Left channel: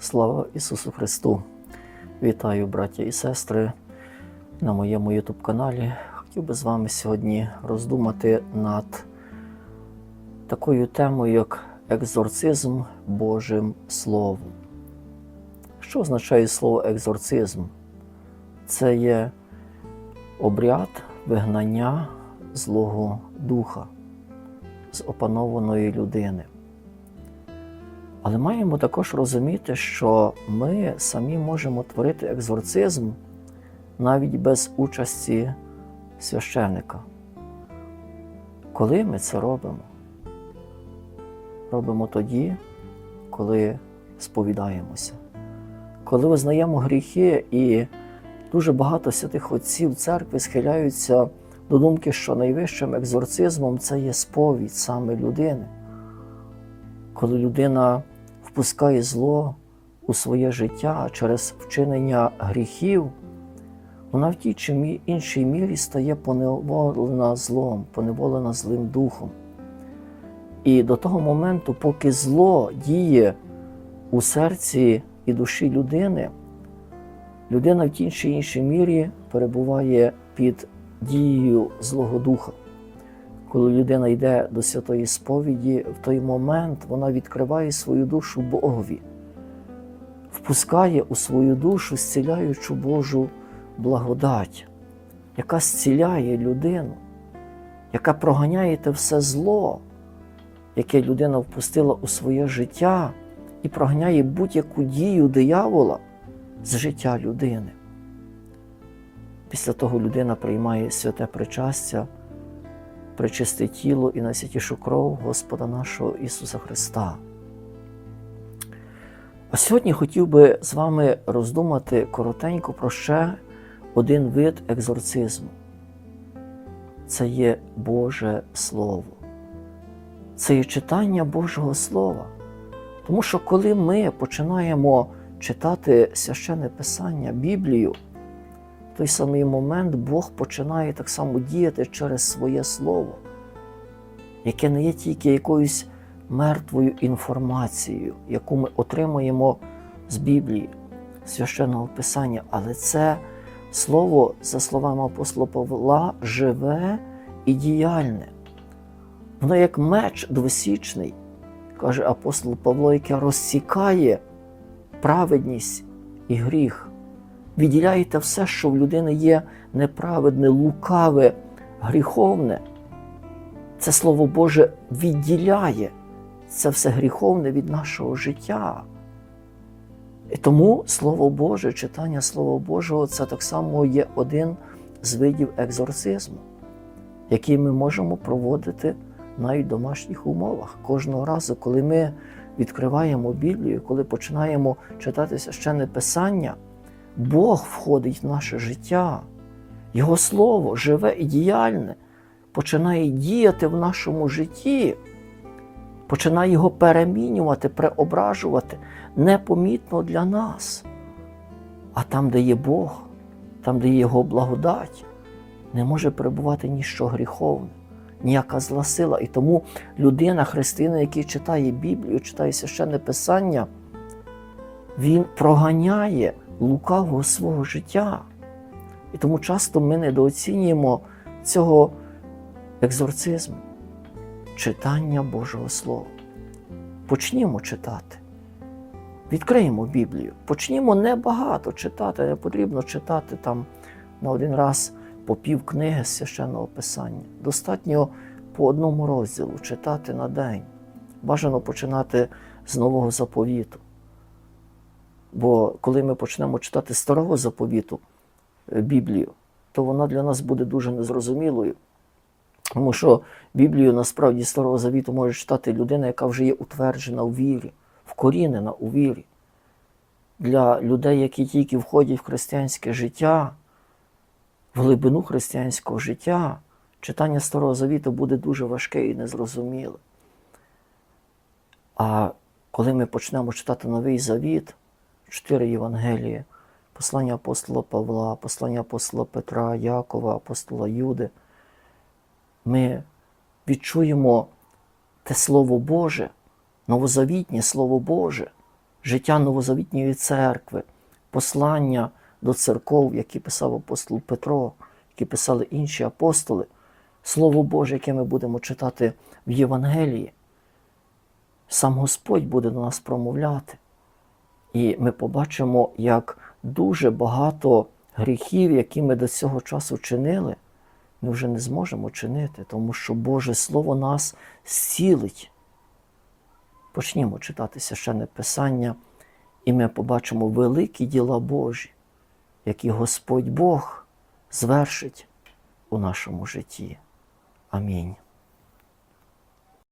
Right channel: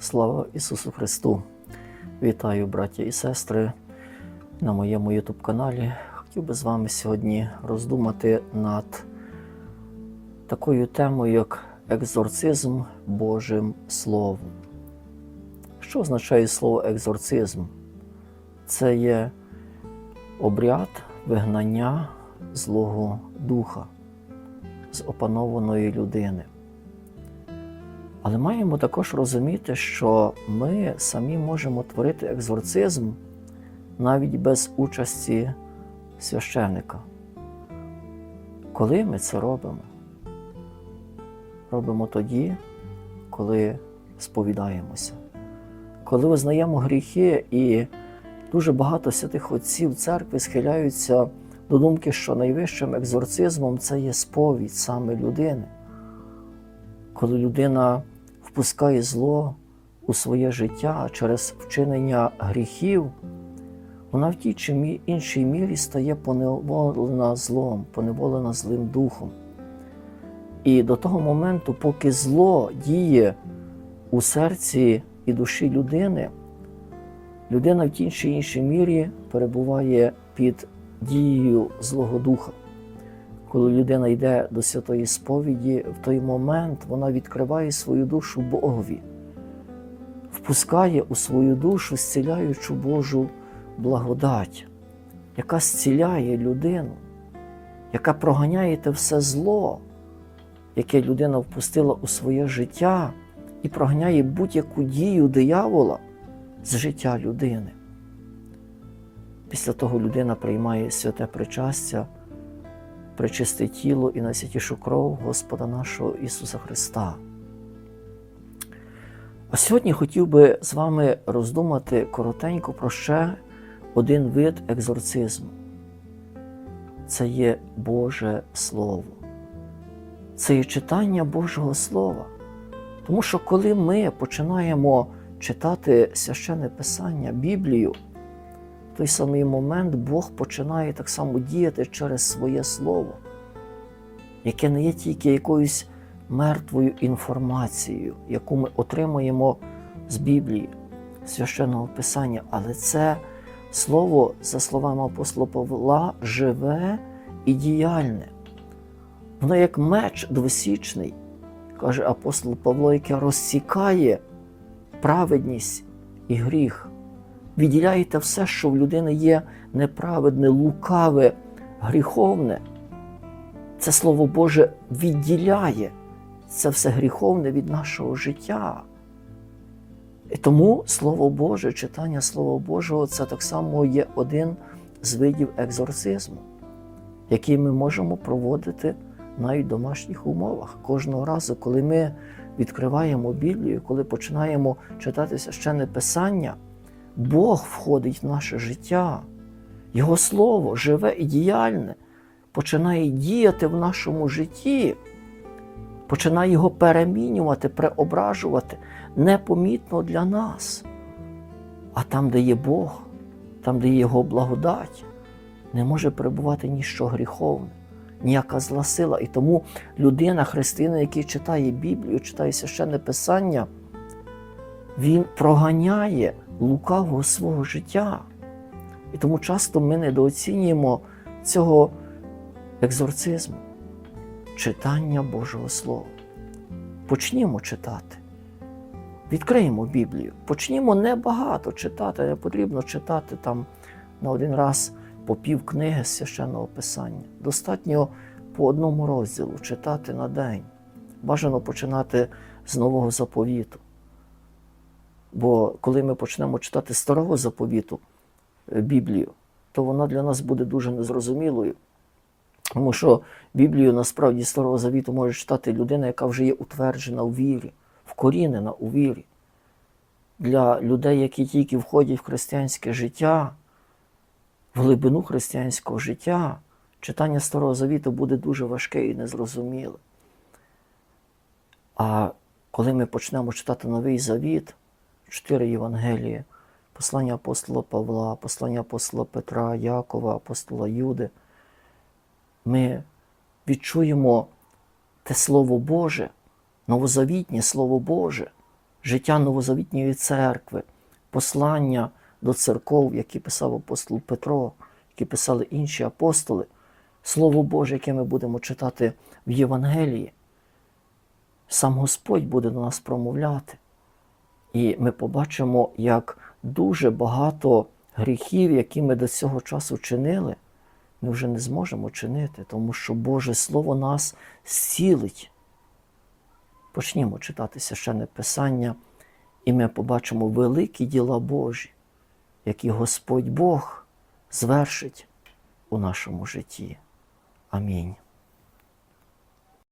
Слава Ісусу Христу! Вітаю, браття і сестри, на моєму YouTube каналі. Хотів би з вами сьогодні роздумати над такою темою, як екзорцизм Божим Словом. Що означає слово екзорцизм? Це є обряд вигнання Злого Духа з опанованої людини. Але маємо також розуміти, що ми самі можемо творити екзорцизм навіть без участі священника. Коли ми це робимо? Робимо тоді, коли сповідаємося, коли визнаємо гріхи, і дуже багато святих отців церкви схиляються до думки, що найвищим екзорцизмом це є сповідь саме людини. Коли людина впускає зло у своє життя через вчинення гріхів, вона в тій чи іншій мірі стає поневолена злом, поневолена злим духом. І до того моменту, поки зло діє у серці і душі людини, людина в тій чи іншій мірі перебуває під дією Злого Духа. Коли людина йде до святої сповіді, в той момент вона відкриває свою душу Богові, впускає у свою душу зціляючу Божу благодать, яка зціляє людину, яка проганяє те все зло, яке людина впустила у своє життя і проганяє будь-яку дію диявола з життя людини. Після того людина приймає святе причастя причисте тіло і найсвятішу кров Господа нашого Ісуса Христа. А сьогодні хотів би з вами роздумати коротенько про ще один вид екзорцизму. Це є Боже Слово. Це є читання Божого Слова. Тому що коли ми починаємо читати священне Писання, Біблію, той самий момент Бог починає так само діяти через своє Слово, яке не є тільки якоюсь мертвою інформацією, яку ми отримуємо з Біблії, священного Писання, але це Слово, за словами апостола Павла, живе і діяльне. Воно як меч двосічний, каже апостол Павло, яке розсікає праведність і гріх відділяєте все, що в людини є неправедне, лукаве, гріховне. Це Слово Боже відділяє це все гріховне від нашого життя. І тому Слово Боже, читання Слова Божого це так само є один з видів екзорцизму, який ми можемо проводити навіть в домашніх умовах. Кожного разу, коли ми відкриваємо Біблію, коли починаємо читати священне Писання. Бог входить в наше життя, Його Слово живе і діяльне, починає діяти в нашому житті, починає його перемінювати, преображувати непомітно для нас. А там, де є Бог, там, де є Його благодать, не може перебувати ніщо гріховне, ніяка зла сила. І тому людина, христина, який читає Біблію, читає священне Писання, він проганяє лукавого свого життя. І тому часто ми недооцінюємо цього екзорцизму, читання Божого Слова. Почнімо читати. Відкриємо Біблію. Почнімо небагато читати, не потрібно читати там на один раз по пів книги священного Писання. Достатньо по одному розділу читати на день. Бажано починати з нового заповіту. Бо коли ми почнемо читати старого заповіту Біблію, то вона для нас буде дуже незрозумілою. Тому що Біблію насправді старого завіту може читати людина, яка вже є утверджена у вірі, вкорінена у вірі. Для людей, які тільки входять в християнське життя, в глибину християнського життя, читання Старого Завіту буде дуже важке і незрозуміле. А коли ми почнемо читати Новий Завіт, чотири Євангелії, послання апостола Павла, послання апостола Петра, Якова, апостола Юди, ми відчуємо те Слово Боже, новозавітнє Слово Боже, життя Новозавітньої церкви, послання до церков, які писав апостол Петро, які писали інші апостоли, Слово Боже, яке ми будемо читати в Євангелії, сам Господь буде до нас промовляти. І ми побачимо, як дуже багато гріхів, які ми до цього часу чинили, ми вже не зможемо чинити, тому що Боже Слово нас зцілить. Почнімо читати священне Писання, і ми побачимо великі діла Божі, які Господь Бог звершить у нашому житті. Амінь.